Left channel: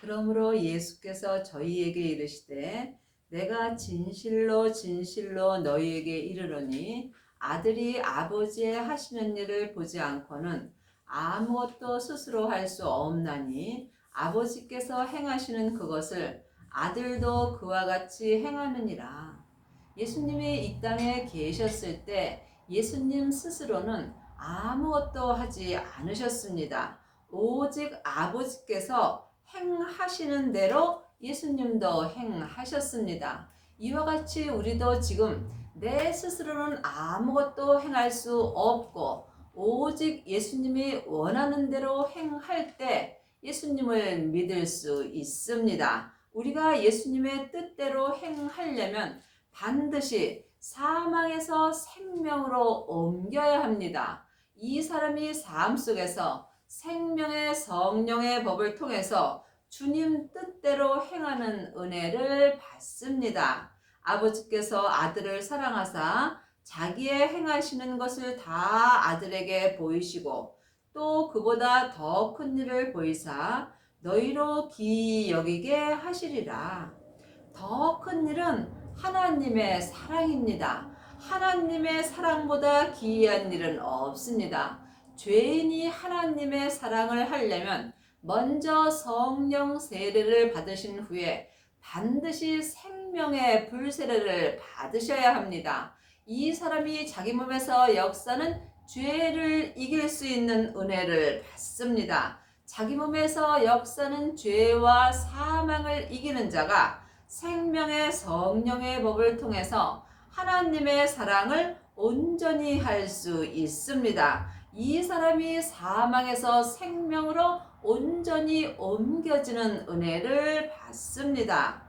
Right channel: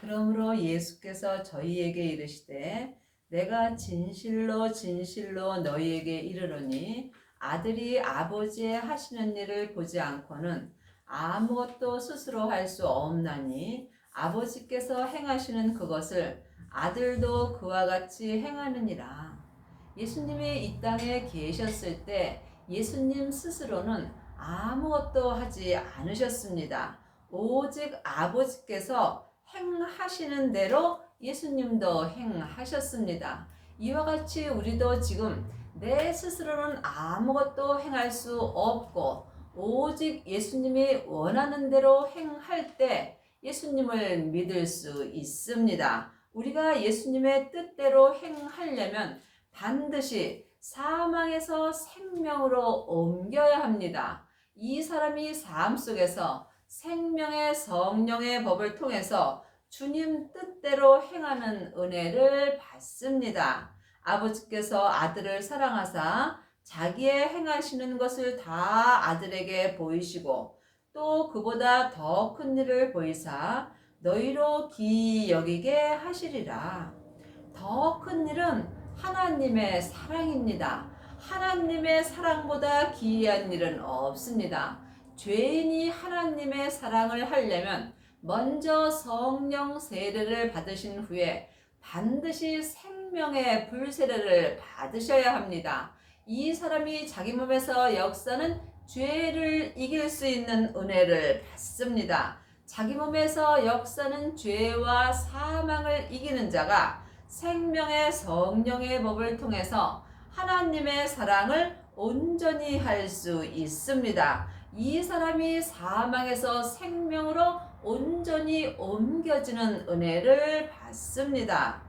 그러므로 예수께서 저희에게 이르시되 내가 진실로 진실로 너희에게 이르노니 아들이 아버지의 하시는 일을 보지 않고는 아무것도 스스로 할 수 없나니 아버지께서 행하시는 그것을 아들도 그와 같이 행하느니라. 예수님이 이 땅에 계셨을 때 예수님 스스로는 아무것도 하지 않으셨습니다. 오직 아버지께서 행하시는 대로 예수님도 행하셨습니다. 이와 같이 우리도 지금 내 스스로는 아무것도 행할 수 없고 오직 예수님이 원하는 대로 행할 때 예수님을 믿을 수 있습니다. 우리가 예수님의 뜻대로 행하려면 반드시 사망에서 생명으로 옮겨야 합니다. 이 사람이 삶 속에서 생명의 성령의 법을 통해서 주님 뜻대로 행하는 은혜를 받습니다. 아버지께서 아들을 사랑하사 자기의 행하시는 것을 다 아들에게 보이시고 또 그보다 더 큰 일을 보이사 너희로 기이 여기게 하시리라. 더 큰 일은 하나님의 사랑입니다. 하나님의 사랑보다 기이한 일은 없습니다. 죄인이 하나님의 사랑을 하려면 먼저 성령 세례를 받으신 후에 반드시 생명의 불세례를 받으셔야 합니다. 이 사람이 자기 몸에서 역사는 죄를 이길 수 있는 은혜를 받습니다. 자기 몸에서 역사는 죄와 사망을 이기는 자가 생명의 성령의 법을 통해서 하나님의 사랑을 온전히 할 수 있습니다. 이 사람이 사망에서 생명으로 온전히 옮겨지는 은혜를 받습니다.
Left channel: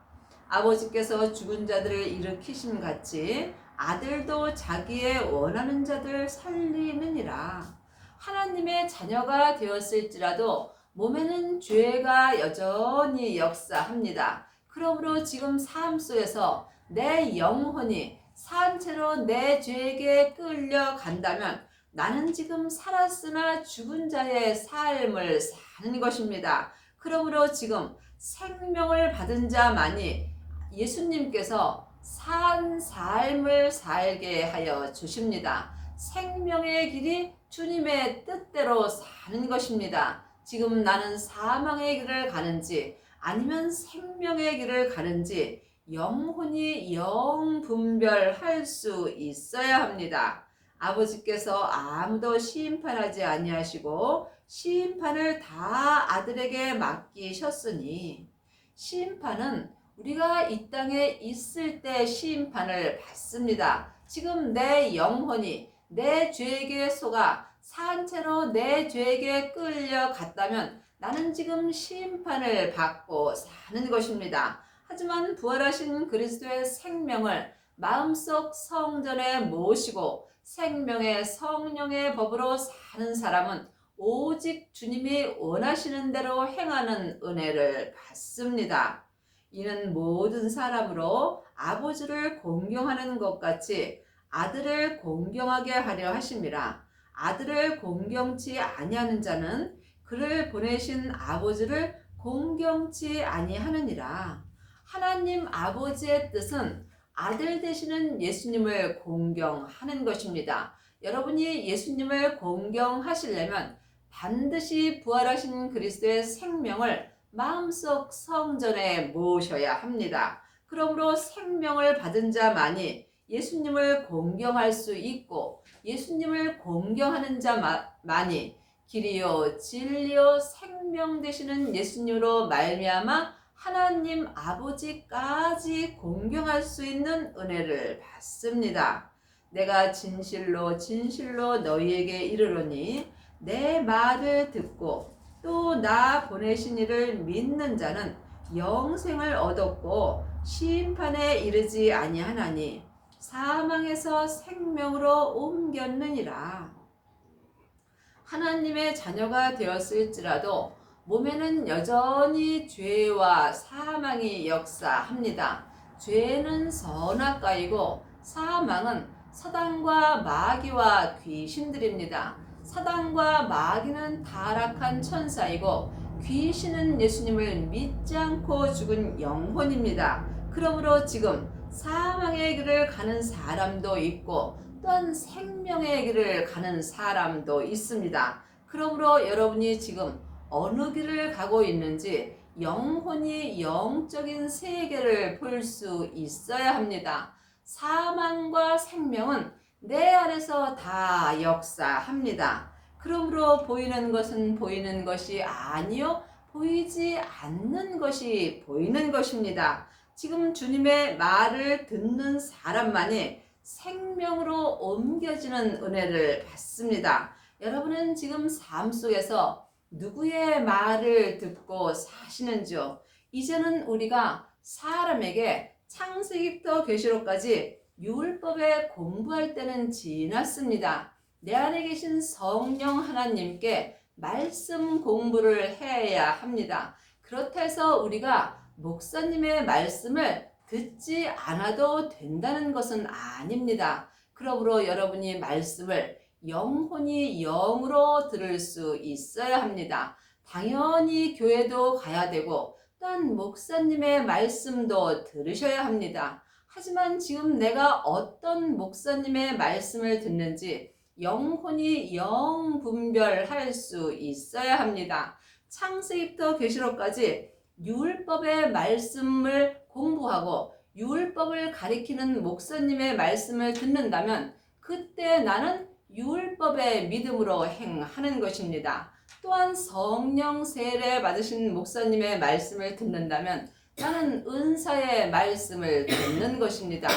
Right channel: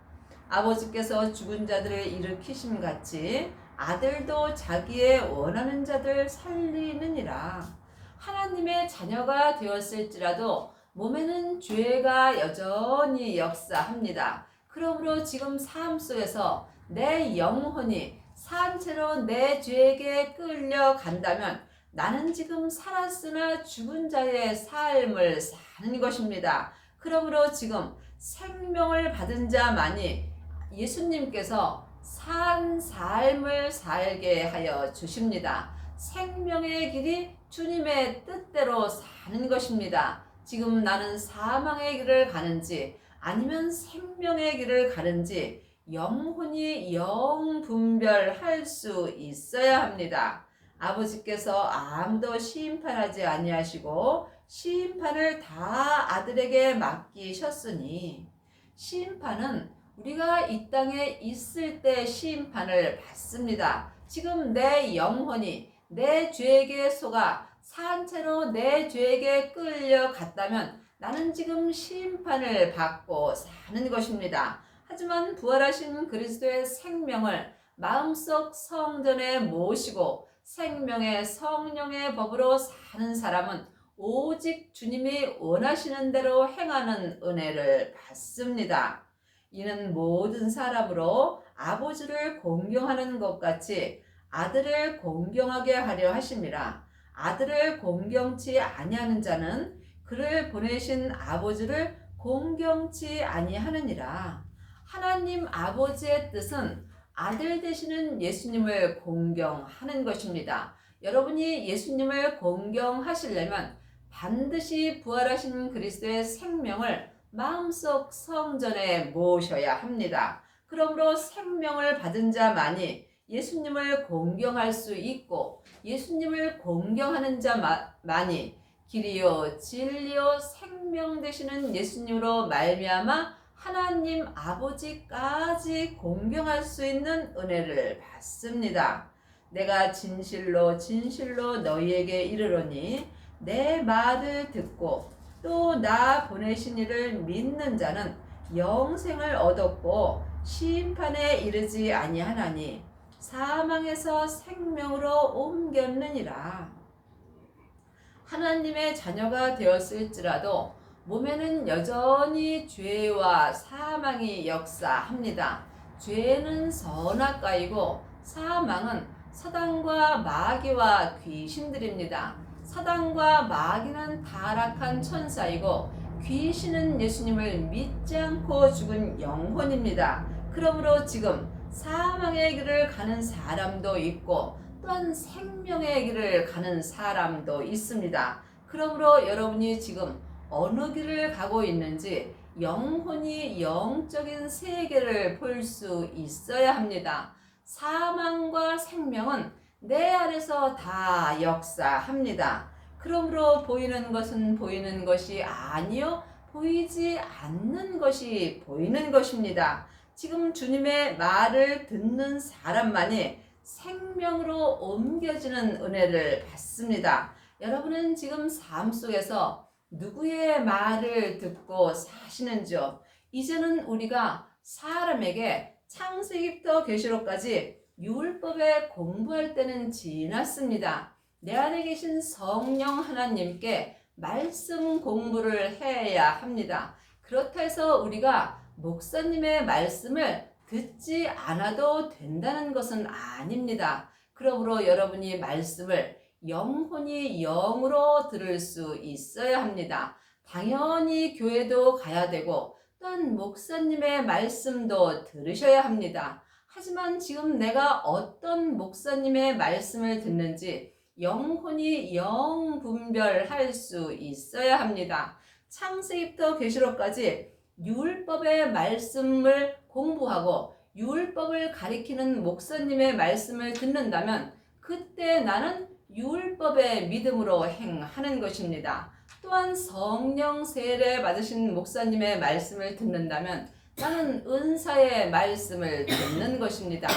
아버지께서 죽은 자들을 일으키심 같이 아들도 자기의 원하는 자들 살리느니라. 하나님의 자녀가 되었을지라도 몸에는 죄가 여전히 역사합니다. 그러므로 지금 삶 속에서 내 영혼이 산채로 내 죄에게 끌려간다면 나는 지금 살았으나 죽은 자의 삶을 사는 것입니다. 그러므로 지금 생명을 받은 자만이 예수님께서 산 삶을 살게 하여 주십니다. 생명의 길이 주님의 뜻대로 사는 것입니다. 지금 나는 사망의 길을 가는지 아니면 생명의 길을 가는지 영혼이 영분별할 수 있어야 합니다. 아버지께서 아무도 심판하지 아니하시고 심판을 다 아들에게 맡기셨으니 심판은 우리가 이 땅에 있을 때 심판을 받습니다. 지금 내 영혼이 내 죄에게 속아 산채로 내 죄에게 끌려갔다면 나는 지금 심판을 받고 사는 것입니다. 하지만 부활하신 그리스도의 생명을 마음속 성전에 모시고 생명의 성령의 법으로 사는 사람은 오직 주님이 원하시는 대로 행하는 은혜를 받습니다. 이는 모든 사람으로 아버지를 공경하는 것 같이 아들을 공경하게 하려 하심이라. 아들을 공경치 아니하는 자는 그를 보내신 아버지를 공경치 아니하느니라. 하나님 아버지의 뜻은 아들 되시는 예수님을 공경하는 것입니다. 여러분이 예수님을 공경하시려면 반드시 부활하신 그리스도의 생명을 마음속 성전에 모셔야 합니다. 그러므로 생명을 받은 자만이 예수님을 공경할 수 있고 예수님을 공경하는 자만이 길이요 진리요 생명 되시는 예수님으로 말미암아 하나님 아버지까지 공경할 수 있는 은혜를 받습니다. 내가 진실로 진실로 너희에게 이르노니 내 말을 듣고 또 나 보내신 이를 믿는 자는 영생을 얻었고 심판에 이르지 아니하나니 사망에서 생명으로 옮겼느니라. 하나님의 자녀가 되었을지라도 몸에는 여전히 죄와 사망이 역사합니다. 죄는 선악과이고 사망은 사단과 마귀와 귀신들입니다. 사단과 마귀는 타락한 천사이고 귀신은 예수님을 믿지 않고 죽은 영혼입니다. 그러므로 지금 사망의 길을 가는 사람도 있고 또한 생명의 길을 가는 사람도 있습니다. 그러므로 여러분이 지금 어느 길을 가고 있는지 영혼이 영적인 세계를 볼 수 있어야 합니다. 사망과 생명은 내 안에서 다 역사합니다. 그러므로 보이는 것은 보이는 것이 아니요 보이지 않는 것이 보이는 것입니다. 지금 주님의 말을 듣는 사람만이 생명으로 옮겨지는 은혜를 받습니다. 여러분은 지금 삶 속에서 누구의 말을 듣고 사시는지요? 이제는 우리가 사람에게 창세기부터 계시록까지 율법에 공부할 때는 지났습니다. 내 안에 계신 성령 하나님께 말씀 공부를 해야 합니다. 그렇다 해서 우리가 목사님의 말씀을 듣지 않아도 된다는 것은 아닙니다. 그러므로 여러분이 말씀을 영혼이 영으로 들을 수 있어야 합니다. 당연히 교회도 가야 되고 또한 목사님의 말씀도 들으셔야 합니다. 하지만 지금 내가 어떤 목사님의 말씀을 듣는지 영혼이 영 분별할 수 있어야 합니다. 창세기부터 계시록까지 율법의 말씀을 공부하고 율법을 가리키는 목사님의 말씀을 듣는다면 그때 나는 율법의 믿음으로 행하는 것입니다. 또한 성령 세례 받으신 목사님의 말씀을 듣는다면 나는 은사의 말씀을 듣는 것입니다.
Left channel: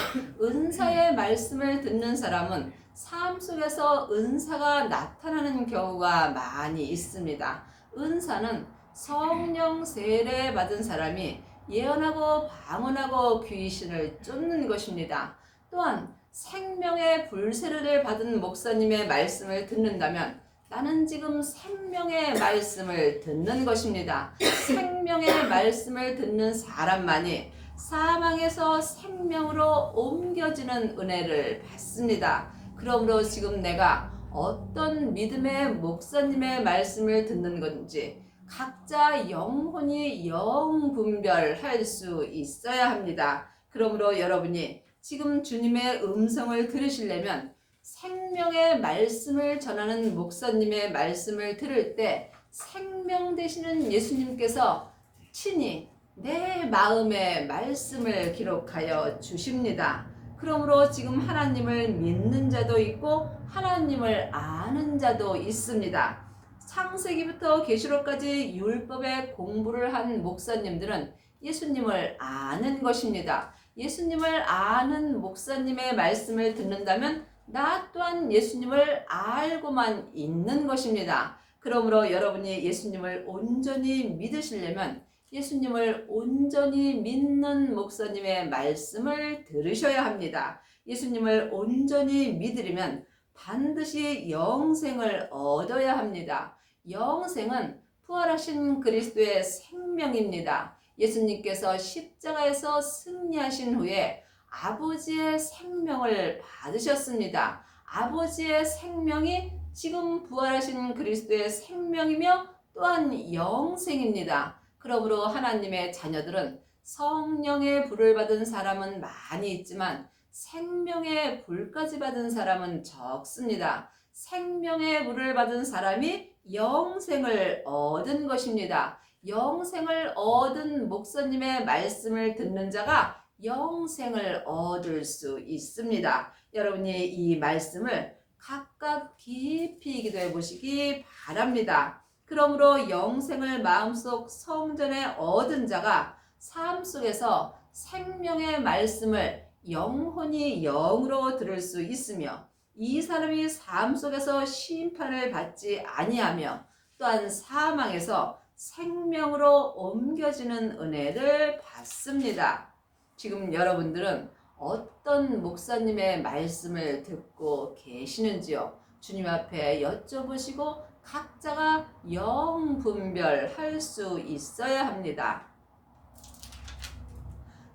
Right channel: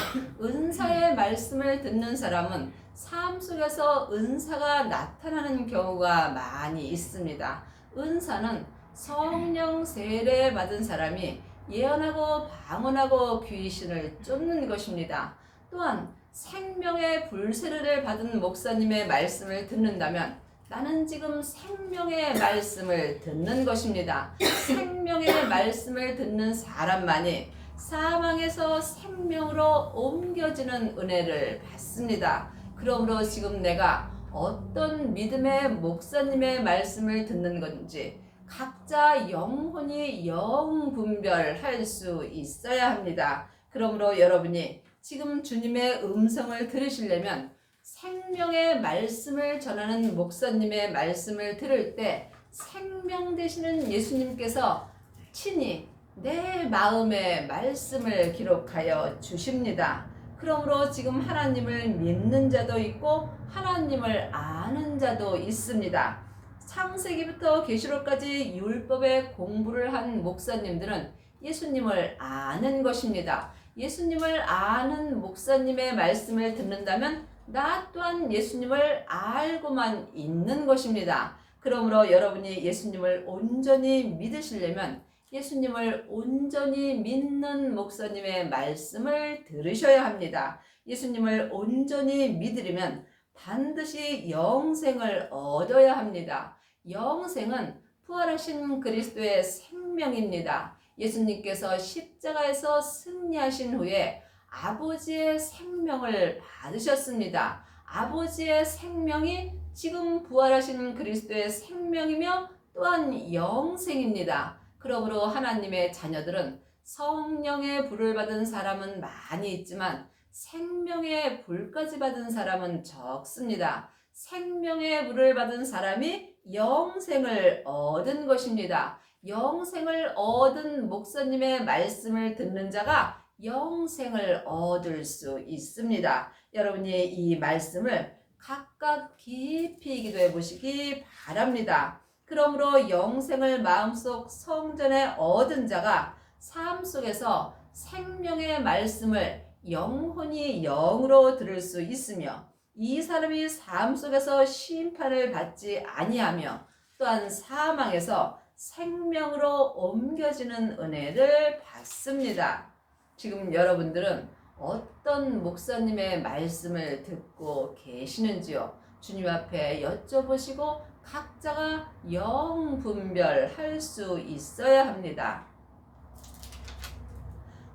은사의 말씀을 듣는 사람은 삶 속에서 은사가 나타나는 경우가 많이 있습니다. 은사는 성령 세례 받은 사람이 예언하고 방언하고 귀신을 쫓는 것입니다. 또한 생명의 불세례를 받은 목사님의 말씀을 듣는다면 나는 지금 생명의 말씀을 듣는 것입니다. 생명의 말씀을 듣는 사람만이 사망에서 생명으로 옮겨지는 은혜를 받습니다. 그러므로 지금 내가 어떤 믿음의 목사님의 말씀을 듣는 건지 각자 영혼이 영 분별할 수 있어야 합니다. 그러므로 여러분이 지금 주님의 음성을 들으시려면 생명의 말씀을 전하는 목사님의 말씀을 들을 때 생명 되시는 예수님께서 친히 내 마음의 말씀을 기록하여 주십니다. 그러므로 지금 하나님을 믿는 자도 있고 하나님을 아는 자도 있습니다. 창세기부터 계시록까지 율법의 공부를 한 목사님들은 예수님을 아는 것입니다. 예수님을 아는 목사님의 말씀을 듣는다면 나 또한 예수님을 알고만 있는 것입니다. 그러므로 여러분이 예수님을 온전히 믿으시려면 예수님을 온전히 믿는 목사님의 말씀을 들으셔야 합니다. 예수님을 온전히 믿으려면 반드시 영생을 얻어야 합니다. 영생은 부활하신 그리스도의 생명입니다. 예수님께서 십자가에서 승리하신 후에 아버지의 생명을 받으셨습니다. 아버지의 생명이 지금 부활하신 그리스도의 생명이며 또한 영생입니다. 그러므로 하나님의 자녀들은 성령의 불을 받은 사람은 많이 있지만 생명의 불까지 받은 사람은 적습니다. 생명의 불을 받은 사람이 영생을 얻은 것입니다. 영생을 얻은 목사님의 말씀을 듣는 자가 영생을 얻을 수 있습니다. 여러분이 이 말씀을 각각 깊이 기도해 보시기 바랍니다. 그러므로 영생을 마음속 성전에 얻은 자가 삶 속에서 생명의 말씀을 영혼이 영으로 들을 수 있으며 이 사람이 삶 속에서 심판을 받지 아니하며 또한 사망에서 생명으로 옮겨지는 은혜를 받습니다. 지금 여러분들은 어떤 목사님의 말씀을 듣고 계시는지요? 주님 앞에 여쭤보시고 각자가 영 분별할 수 있어야 합니다.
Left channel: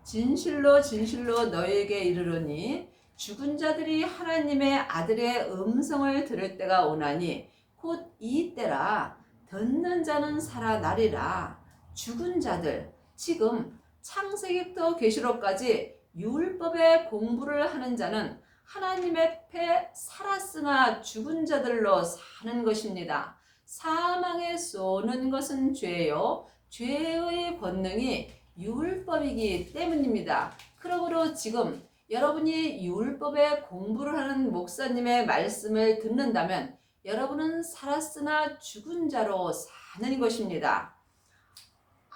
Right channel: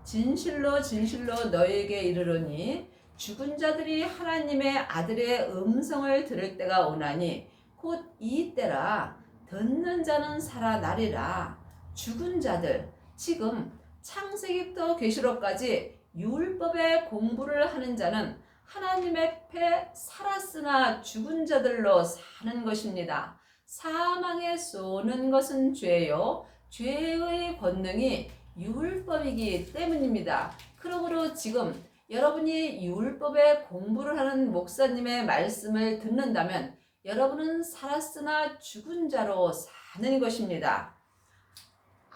진실로 진실로 너희에게 이르노니 죽은 자들이 하나님의 아들의 음성을 들을 때가 오나니 곧 이 때라. 듣는 자는 살아나리라. 죽은 자들, 지금 창세기부터 계시록까지 율법의 공부를 하는 자는 하나님 앞에 살았으나 죽은 자들로 사는 것입니다. 사망에 쏘는 것은 죄요. 죄의 권능이 율법이기 때문입니다. 그러므로 지금 여러분이 율법의 공부를 하는 목사님의 말씀을 듣는다면 여러분은 살았으나 죽은 자로 사는 것입니다.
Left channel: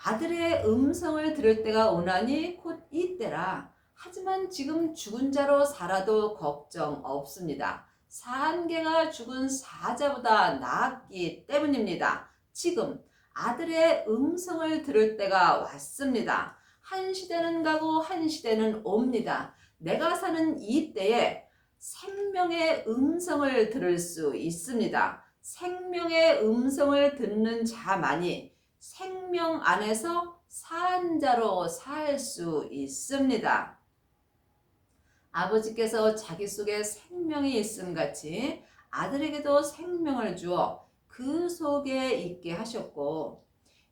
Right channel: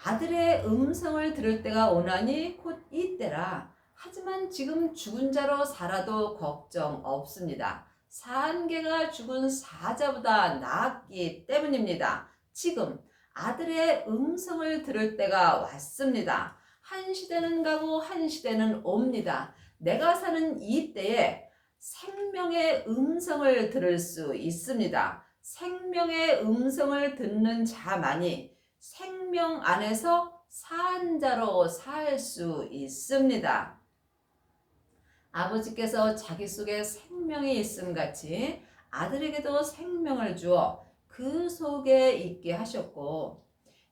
아들의 음성을 들을 때가 오나니 곧 이때라. 하지만 지금 죽은 자로 살아도 걱정 없습니다. 산개가 죽은 사자보다 낫기 때문입니다. 지금 아들의 음성을 들을 때가 왔습니다. 한 시대는 가고 한 시대는 옵니다. 내가 사는 이 때에 생명의 음성을 들을 수 있습니다. 생명의 음성을 듣는 자만이 생명 안에서 산 자로 살 수 있습니다. 아버지께서 자기 속에 생명이 있음 같이 아들에게도 생명을 주어 그 속에 있게 하셨고,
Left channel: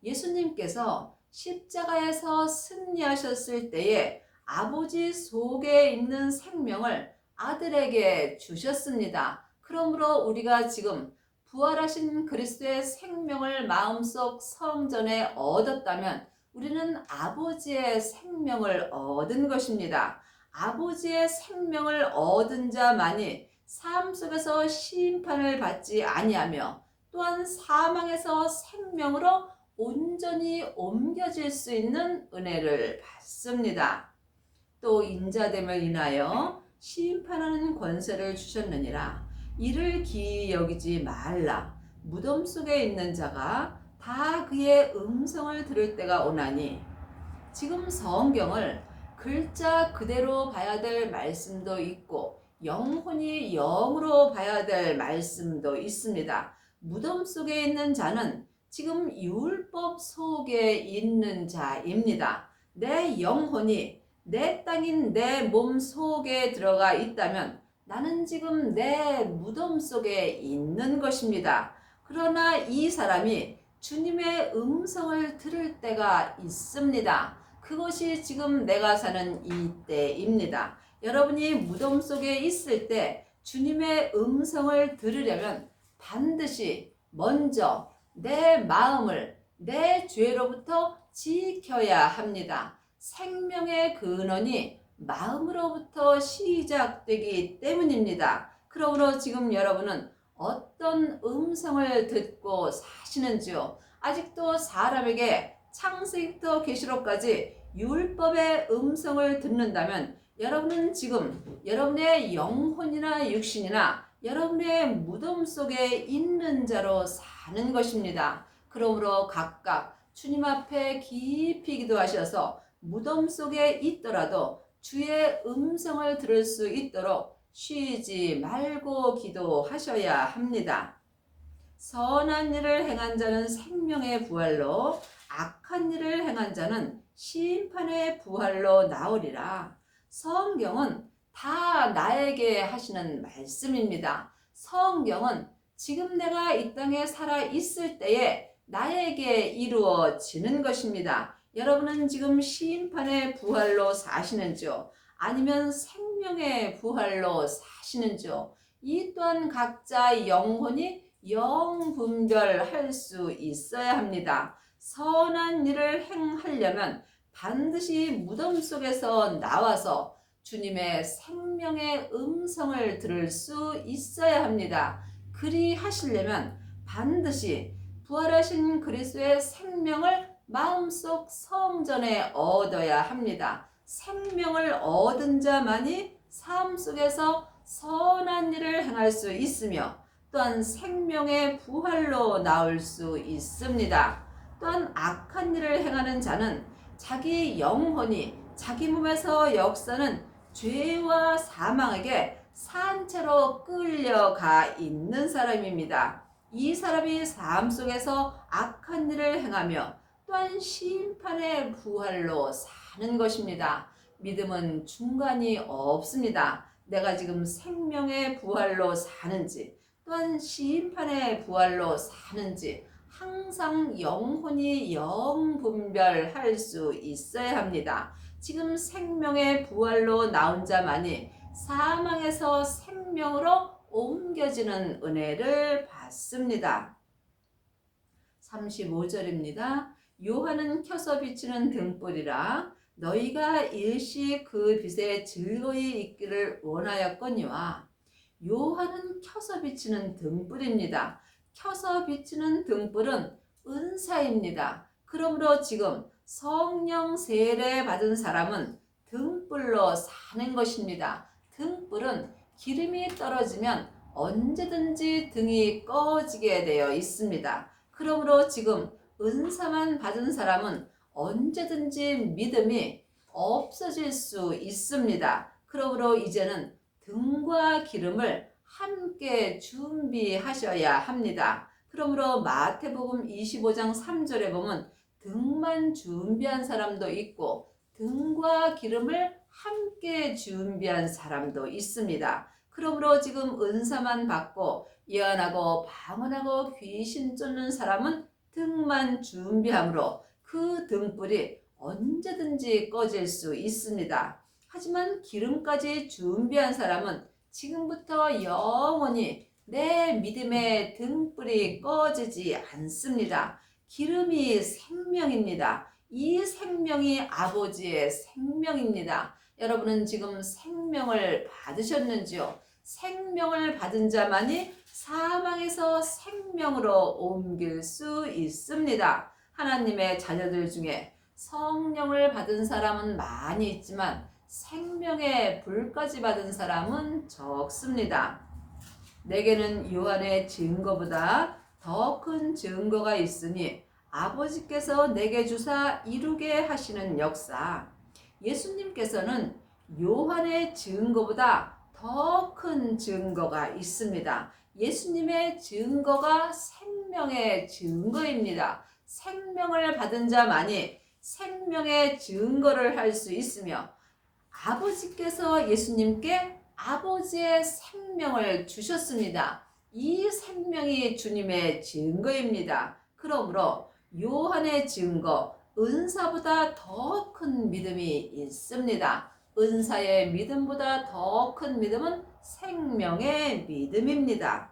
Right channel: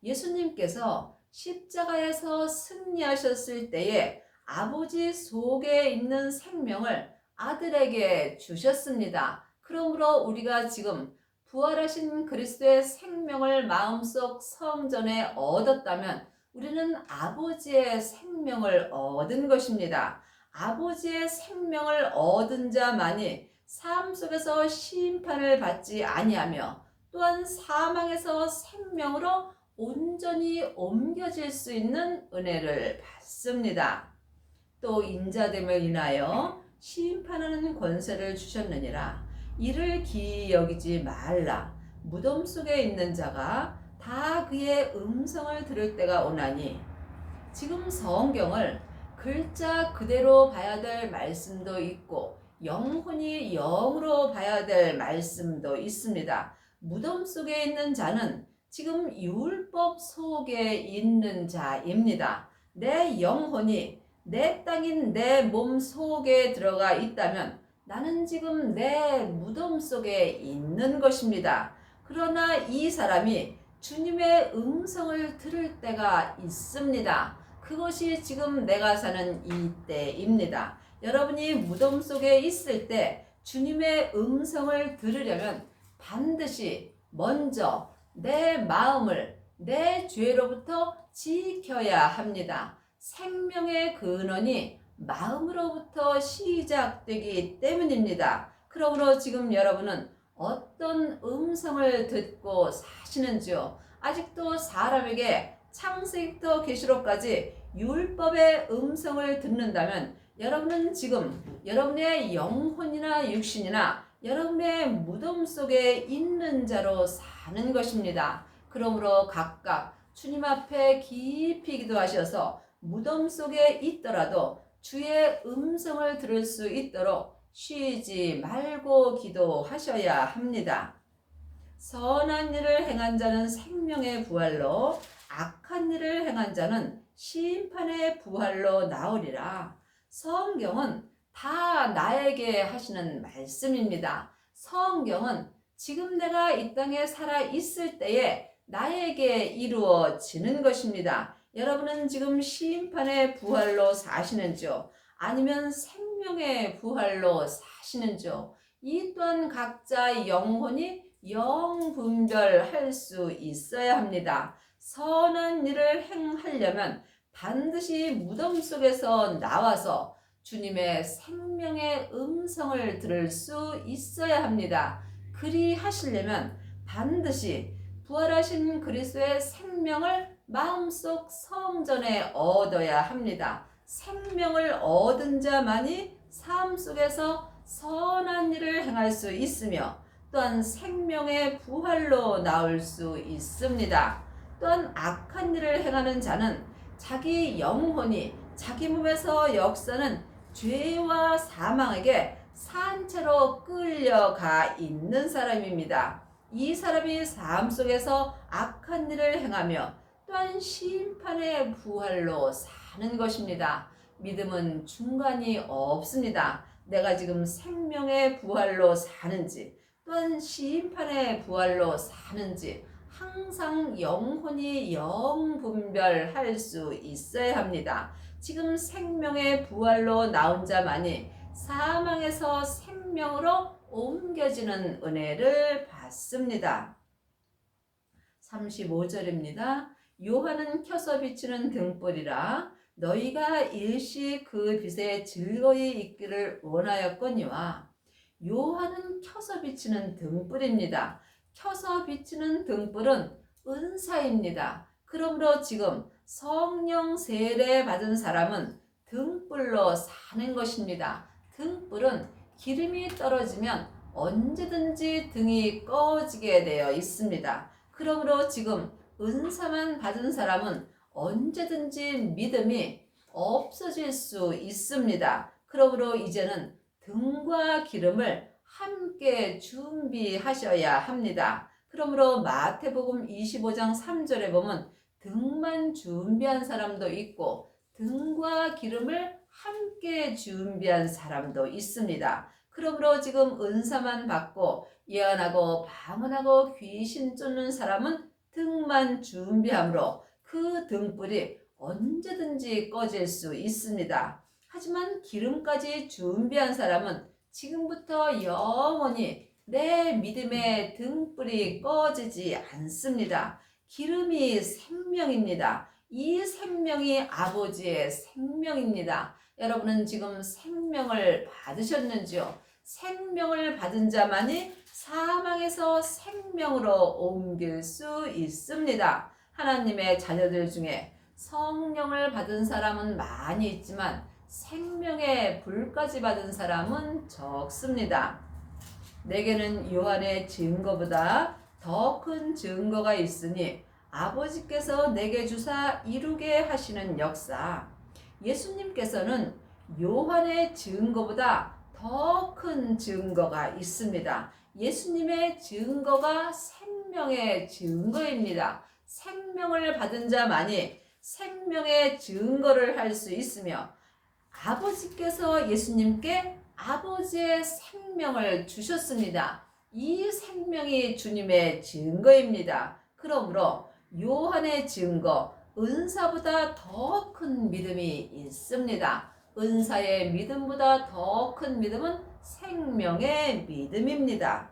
예수님께서 십자가에서 승리하셨을 때에 아버지 속에 있는 생명을 아들에게 주셨습니다. 그러므로 우리가 지금 부활하신 그리스도의 생명을 마음속 성전에 얻었다면 우리는 아버지의 생명을 얻은 것입니다. 아버지의 생명을 얻은 자만이 삶 속에서 심판을 받지 아니하며 또한 사망에서 생명으로 온전히 옮겨질 수 있는 은혜를 받습니다. 또 인자됨을 인하여 심판하는 권세를 주셨느니라. 이를 기이 여기지 말라. 무덤 속에 있는 자가 다 그의 음성을 들을 때가 오나니, 지금 성경을 글자 그대로 봐야 될 말씀도 있고 영혼이 영으로 봐야 될 말씀도 있습니다. 무덤 속에 있는 자는 지금 율법 속에 있는 자입니다. 내 영혼이 내 땅인 내 몸 속에 들어가 있다면 나는 지금 내 무덤 속에 있는 것입니다. 그러나 이 사람이 주님의 음성을 들을 때가 있습니다. 그것이 지금 내가 사는 이 때입니다. 여러분이 무덤 속에 있을 때 주님의 음성을 들으려면 반드시 먼저 내 마음을 내 죄로부터 지켜야 합니다. 생명의 근원이 마음으로부터 시작되기 때문입니다. 그러므로 지금 여러분은 어떤 음성을 듣고 사시는지요? 아직도 사람에게 창세기부터 계시록까지 율법의 음성을 듣는다면 여러분은 지금 여러분의 영혼이나 육신이나 여러분의 무덤 속에 있는 자로 사는 것입니다. 그러므로 각각 주님 앞에 깊이 기도하셔서 무덤 속에 있더라도 주의 음성을 들을 수 있도록 쉬지 말고 기도하셔야 합니다. 선한 일을 행한 자는 생명의 부활로, 악한 일을 행한 자는 심판의 부활로 나오리라. 성경은 다 나에게 하시는 말씀입니다. 성경은 지금 내가 이 땅에 살아 있을 때에 나에게 이루어지는 것입니다. 여러분은 지금 심판의 부활로 사시는지요? 아니면 생명의 부활로 사시는지요? 이 또한 각자 영혼이 영분별할 수 있어야 합니다. 선한 일을 행하려면 반드시 무덤 속에서 나와서 주님의 생명의 음성을 들을 수 있어야 합니다. 그리 하시려면 반드시 부활하신 그리스도의 생명을 마음속 성전에 얻어야 합니다. 생명을 얻은 자만이 삶 속에서 선한 일을 행할 수 있으며 또한 생명의 부활로 나올 수 있습니다. 또한 악한 일을 행하는 자는 자기 영혼이 자기 몸에서 역사는 죄와 사망에게 산채로 끌려가 있는 사람입니다. 이 사람이 삶 속에서 악한 일을 행하며 또한 심판의 부활로 사는 것입니다. 믿음은 중간이 없습니다. 내가 지금 생명의 부활로 사는지 또한 심판의 부활로 사는지 항상 영혼이 영분별할 수 있어야 합니다. 지금 생명의 부활로 나온 자만이 사망에서 생명으로 옮겨지는 은혜를 받습니다. 35절입니다. 요한은 켜서 비치는 등불이라 너희가 일시 그 빛에 즐거이 있기를 원하였거니와. 요한은 켜서 비치는 등불입니다. 켜서 비치는 등불은 은사입니다. 그러므로 지금 성령 세례 받은 사람은 등불로 사는 것입니다. 등불은 기름이 떨어지면 언제든지 등이 꺼지게 되어 있습니다. 그러므로 지금 은사만 받은 사람은 언제든지 믿음이 없어질 수 있습니다. 그러므로 이제는 등과 기름을 함께 준비하셔야 합니다. 그러므로 마태복음 25장 3절에 보면 등만 준비한 사람도 있고 등과 기름을 함께 준비한 사람도 있습니다. 그러므로 지금 은사만 받고 예언하고 방언하고 귀신 쫓는 사람은 등만 준비하므로 그 등불이 언제든지 꺼질 수 있습니다. 하지만 기름까지 준비한 사람은 지금부터 영원히 내 믿음의 등불이 꺼지지 않습니다. 기름이 생명입니다. 이 생명이 아버지의 생명입니다. 여러분은 지금 생명을 받으셨는지요? 생명을 받은 자만이 사망에서 생명으로 옮길 수 있습니다. 하나님의 자녀들 중에 성령을 받은 사람은 많이 있지만 생명의 불까지 받은 사람은 적습니다. 내게는 요한의 증거보다 더 큰 증거가 있으니 아버지께서 내게 주사 이루게 하시는 역사. 예수님께서는 요한의 증거보다 더 큰 증거가 있습니다. 예수님의 증거가 생명의 증거입니다. 생명을 받은 자만이 생명의 증거를 할 수 있으며 아버지께서 예수님께 아버지의 생명을 주셨습니다. 이 생명이 주님의 증거입니다. 그러므로 요한의 증거, 은사보다 더 큰 믿음이 있습니다. 은사의 믿음보다 더 큰 믿음은 생명의 믿음입니다.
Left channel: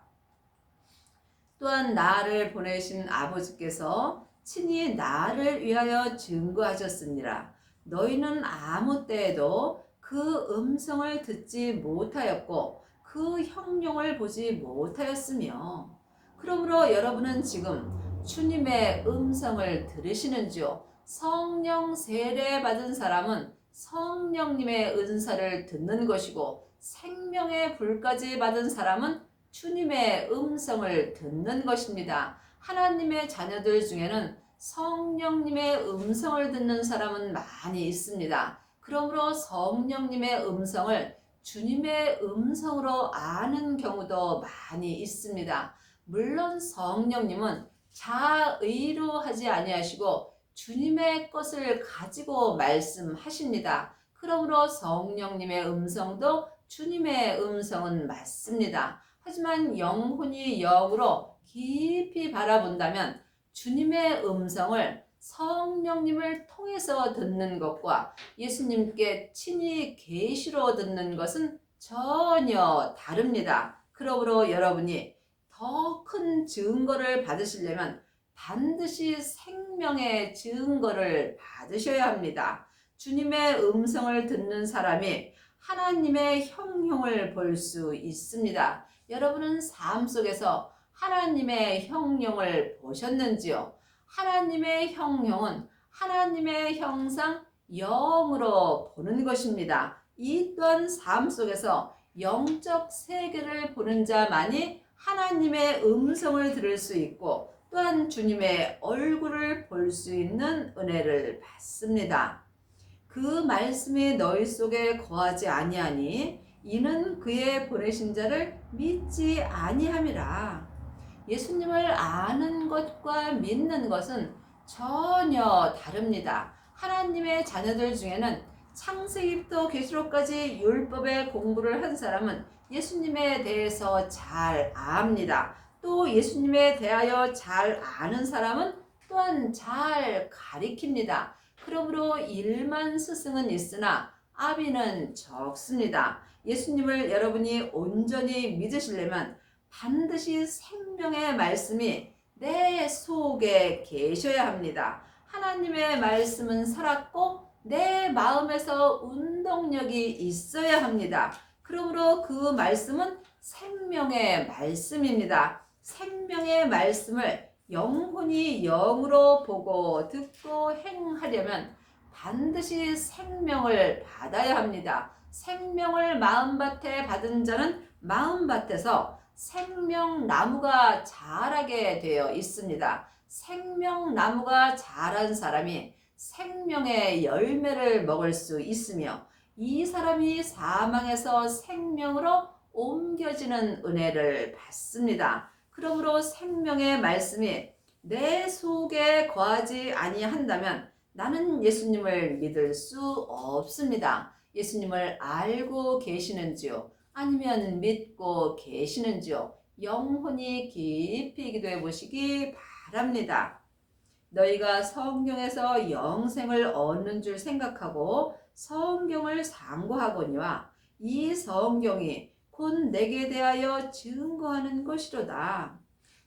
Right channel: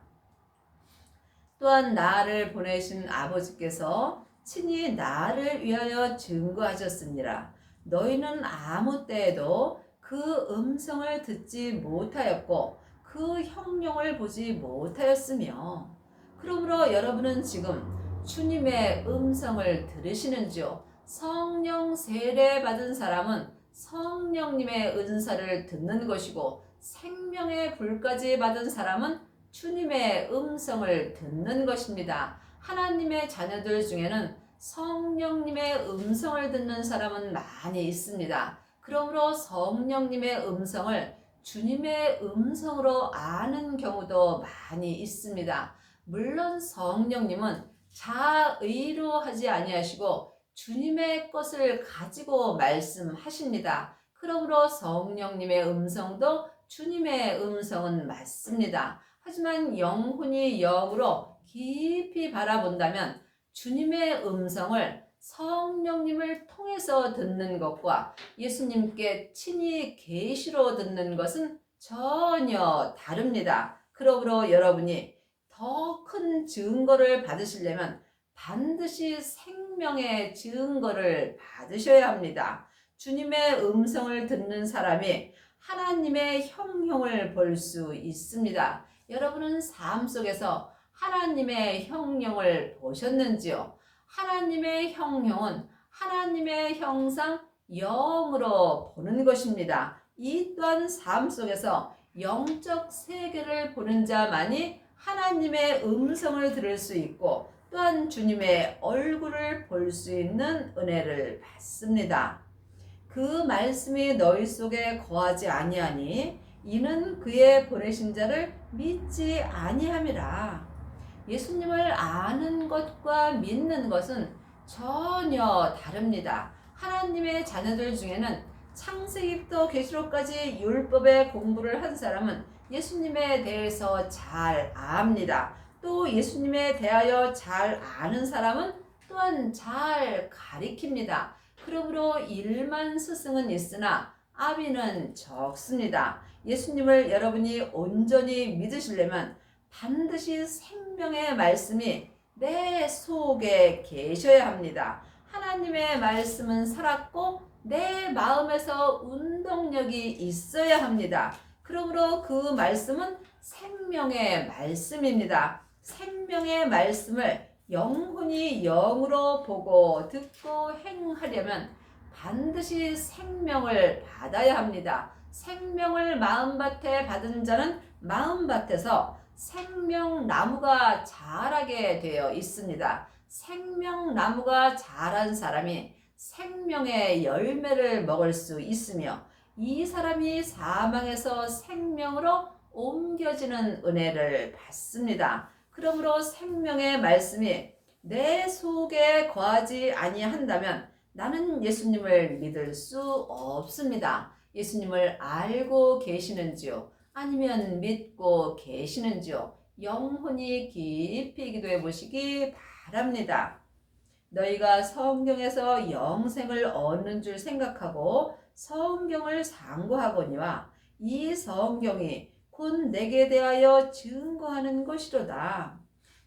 또한 나를 보내신 아버지께서 친히 나를 위하여 증거하셨으니라. 너희는 아무 때에도 그 음성을 듣지 못하였고 그 형용을 보지 못하였으며. 그러므로 여러분은 지금 주님의 음성을 들으시는지요? 성령 세례 받은 사람은 성령님의 은사를 듣는 것이고 생명의 불까지 받은 사람은 주님의 음성을 듣는 것입니다. 하나님의 자녀들 중에는 성령님의 음성을 듣는 사람은 많이 있습니다. 그러므로 성령님의 음성을 주님의 음성으로 아는 경우도 많이 있습니다. 물론 성령님은 자의로 하지 아니하시고 주님의 것을 가지고 말씀하십니다. 그러므로 성령님의 음성도 주님의 음성은 맞습니다. 하지만 영혼이 영으로 깊이 바라본다면 주님의 음성을 성령님을 통해서 듣는 것과 예수님께 친히 계시로 듣는 것은 전혀 다릅니다. 그러므로 여러분이 더 큰 증거를 받으시려면 반드시 생명의 증거를 받으셔야 합니다. 주님의 음성을 듣는 사람이 하나님의 형용을 볼 수 있습니다. 여러분은 삶 속에서 하나님의 형용을 보셨는지요? 하나님의 형용은 하나님의 형상 영으로 보는 것입니다. 이 또한 삶 속에서 영적 세계를 보는 자만이 하나님의 음성을 들을 수 있고 또한 주님의 얼굴을 볼 수 있는 은혜를 받습니다. 그 말씀이 너희 속에 거하지 아니하니 이는 그의 보내신 자를 믿지 아니함이라. 예수님을 아는 것과 믿는 것은 전혀 다릅니다. 하나님의 자녀들 중에는 창세기부터 계시록까지 율법의 공부를 한 사람은 예수님에 대해서 잘 압니다. 또 예수님에 대하여 잘 아는 사람은 또한 잘 가리킵니다. 그러므로 일만 스승은 있으나 아비는 적습니다. 예수님을 여러분이 온전히 믿으시려면 반드시 생명의 말씀이 내 속에 계셔야 합니다. 하나님의 말씀은 살았고 내 마음에서 운동력이 있어야 합니다. 그러므로 그 말씀은 생명의 말씀입니다. 생명의 말씀을 영혼이 영으로 보고 듣고 행하려면 반드시 생명을 받아야 합니다. 생명을 마음밭에 받은 자는 마음밭에서 생명나무가 자라게 되어 있습니다. 생명나무가 자란 사람이 생명의 열매를 먹을 수 있으며 이 사람이 사망에서 생명으로 옮겨지는 은혜를 받습니다. 그러므로 생명의 말씀이 내 속에 거하지 아니한다면 나는 예수님을 믿을 수 없습니다. 예수님을 알고 계시는지요? 아니면 믿고 계시는지요? 영혼이 깊이 기도해 보시기 바랍니다. 너희가 성경에서 영생을 얻는 줄 생각하고 성경을 상고하거니와 이 성경이 곧 내게 대하여 증거하는 것이로다.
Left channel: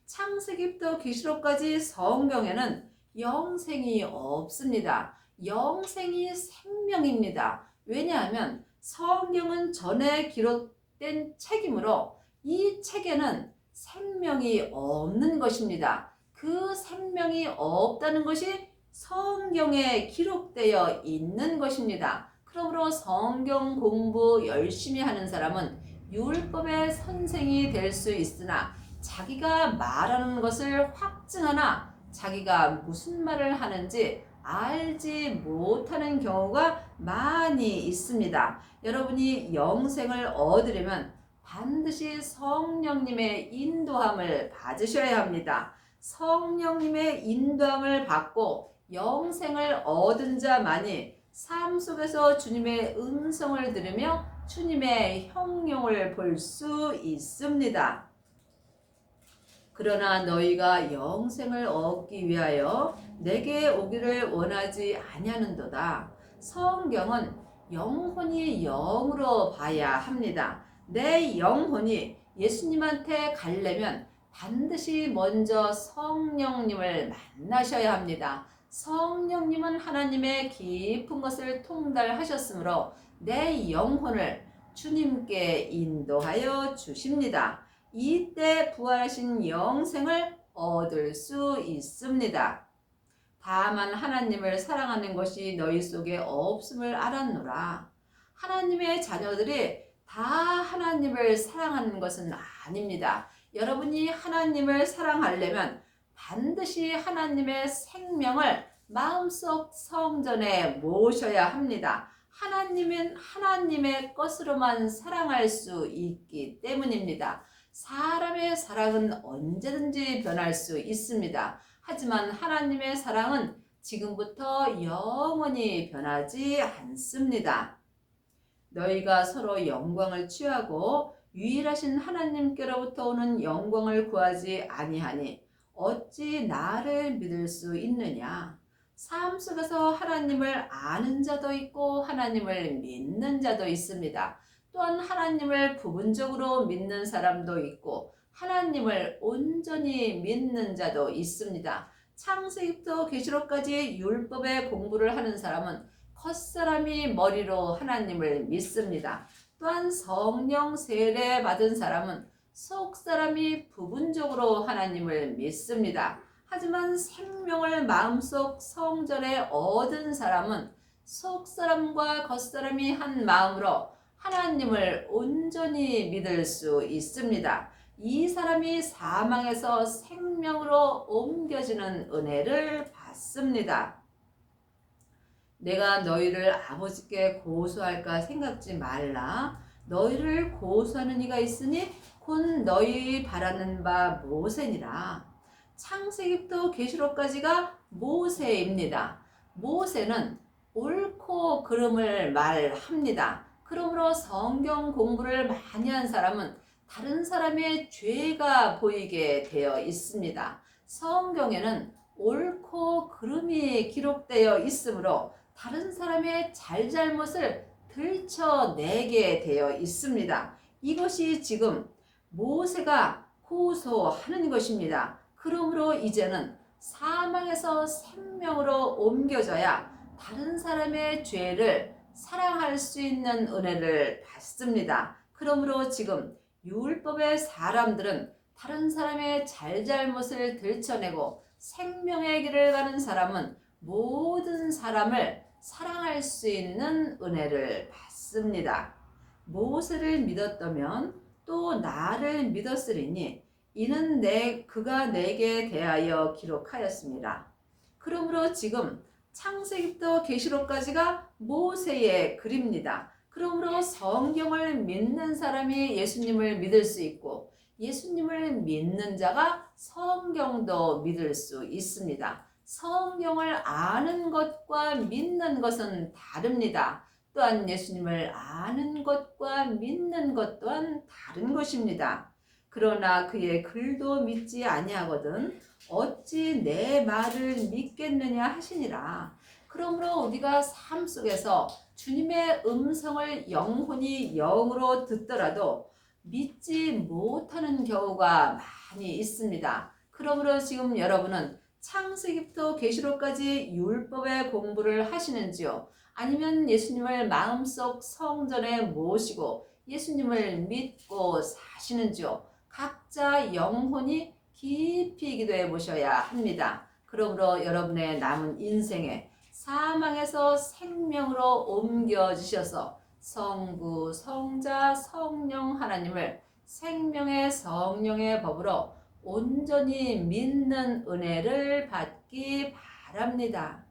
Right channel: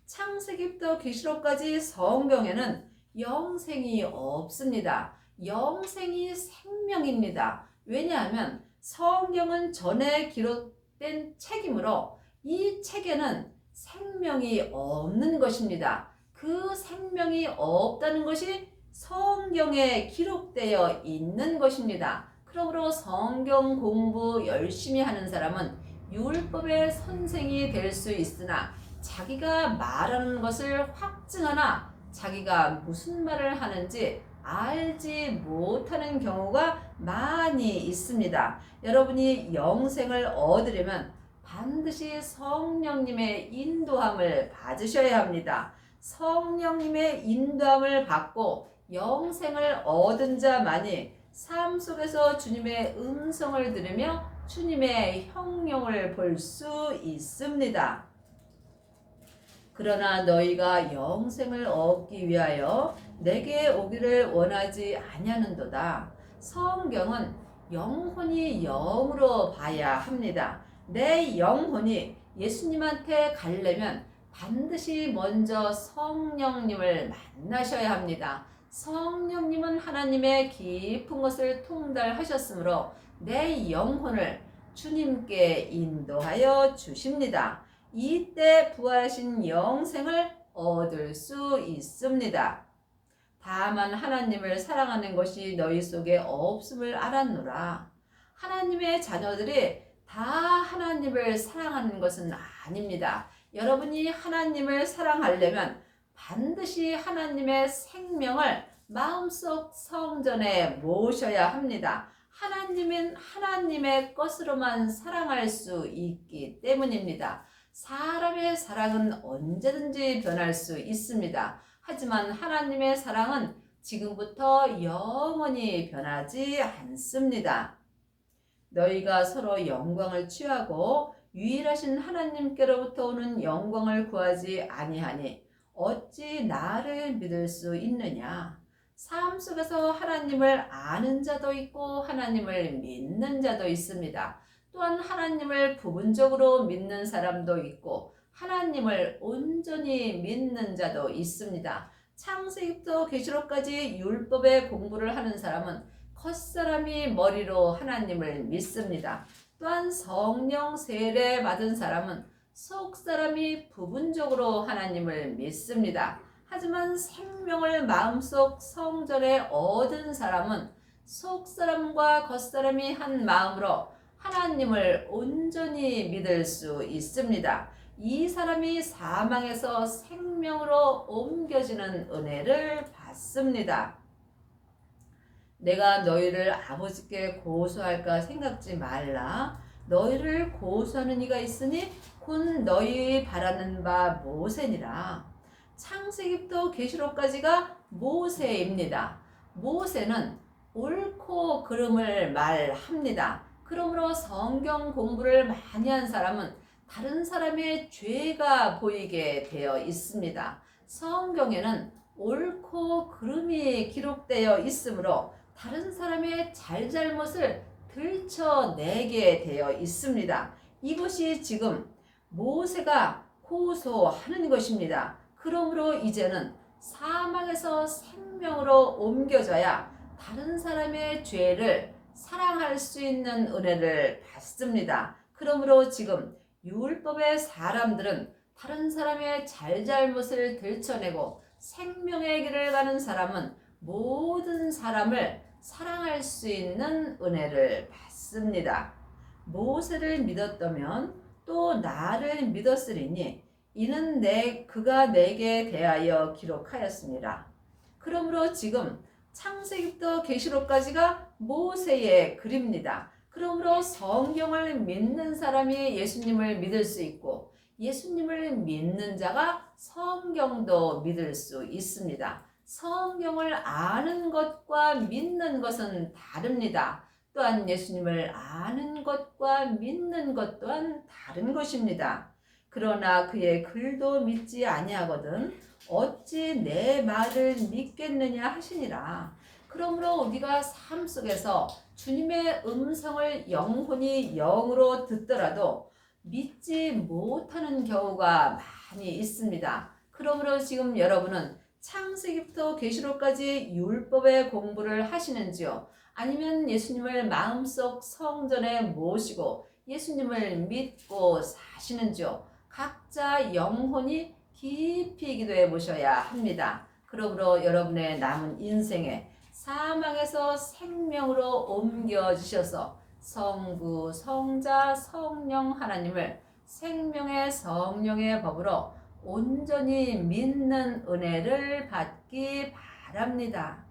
창세기부터 계시록까지 성경에는 영생이 없습니다. 영생이 생명입니다. 왜냐하면 성경은 전에 기록된 책이므로 이 책에는 생명이 없는 것입니다. 그 생명이 없다는 것이 성경에 기록되어 있는 것입니다. 그러므로 성경 공부 열심히 하는 사람은 율법의 선생이 될 수 있으나 자기가 말하는 것을 확증하나 자기가 무슨 말을 하는지 알지 못하는 경우가 많이 있습니다. 여러분이 영생을 얻으려면 반드시 성령님의 인도함을 받으셔야 합니다. 성령님의 인도함을 받고 영생을 얻은 자만이 삶 속에서 주님의 음성을 들으며 주님의 형용을 볼 수 있습니다. 그러나 너희가 영생을 얻기 위하여 내게 오기를 원하지 아니하는도다. 성경은 영혼이 영으로 봐야 합니다. 내 영혼이 예수님한테 가려면 반드시 먼저 성령님을 만나셔야 합니다. 성령님은 하나님의 깊은 것을 통달하셨으므로 내 영혼을 주님께 인도하여 주십니다. 이때 부활하신 영생을 얻을 수 있습니다. 다만 하나님을 사랑하는 것이 너희 속에 없음을 알았노라. 하나님의 자녀들이 다 하나님을 사랑하는 것은 아닙니다. 여러분이 하나님을 사랑하려면 반드시 하나님의 생명을 마음속 성전에 모셔야 합니다. 하나님은 하나님의 것으로만 사랑할 수 있기 때문입니다. 사람의 사랑은 언제든지 변할 수 있습니다. 하지만 하나님의 사랑은 지금부터 영원히 변하지 않습니다. 너희가 서로 영광을 취하고 유일하신 하나님께로부터 오는 영광을 구하지 아니하니 어찌 나를 믿을 수 있느냐? 삶 속에서 하나님을 아는 자도 있고 하나님을 믿는 자도 있습니다. 또한 하나님을 부분적으로 믿는 사람도 있고 하나님을 온전히 믿는 자도 있습니다. 창세기부터 계시록까지 율법의 공부를 하는 사람은 겉사람이 머리로 하나님을 믿습니다. 또한 성령 세례 받은 사람은 속사람이 부분적으로 하나님을 믿습니다. 하지만 생명을 마음속 성전에 얻은 사람은 속사람과 겉사람이 한 마음으로 하나님을 온전히 믿을 수 있습니다. 이 사람이 사망에서 생명으로 옮겨지는 은혜를 받습니다. 내가 너희를 아버지께 고소할까 생각지 말라. 너희를 고소하는 이가 있으니 곧 너희 바라는 바 모세니라. 창세기부터 계시록까지가 모세입니다. 모세는 옳고 그름을 말합니다. 그러므로 성경 공부를 많이 한 사람은 다른 사람의 죄가 보이게 되어 있습니다. 성경에는 옳고 그름이 기록되어 있으므로 다른 사람의 잘잘못을 들춰내게 되어 있습니다. 이것이 지금 모세가 호소하는 것입니다. 그러므로 이제는 사망에서 생명으로 옮겨져야 다른 사람의 죄를 사랑할 수 있는 은혜를 받습니다. 그러므로 지금 율법의 사람들은 다른 사람의 잘잘못을 들춰내고 생명의 길을 가는 사람은 모든 사람을 사랑할 수 있는 은혜를 받습니다. 모세를 믿었다면 또 나를 믿었으리니 이는 그가 내게 대하여 기록하였습니다. 그러므로 지금 창세기부터 계시록까지가 모세의 글입니다. 그러므로 성경을 믿는 사람이 예수님을 믿을 수 있고 예수님을 믿는 자가 성경도 믿을 수 있습니다. 성경을 아는 것과 믿는 것은 다릅니다. 또한 예수님을 아는 것과 믿는 것 또한 다른 것입니다. 그러나 그의 글도 믿지 아니하거든 어찌 내 말을 믿겠느냐 하시니라. 그러므로 우리가 삶 속에서 주님의 음성을 영혼이 영으로 듣더라도 믿지 못하는 경우가 많이 있습니다. 그러므로 지금 여러분은 창세기부터 계시록까지 율법의 공부를 하시는지요? 아니면 예수님을 마음속 성전에 모시고 예수님을 믿고 사시는지요? 각자 영혼이 깊이 기도해 보셔야 합니다. 그러므로 여러분의 남은 인생에 사망에서 생명으로 옮겨주셔서 성부, 성자, 성령 하나님을 생명의 성령의 법으로 온전히 믿는 은혜를 받기 바랍니다.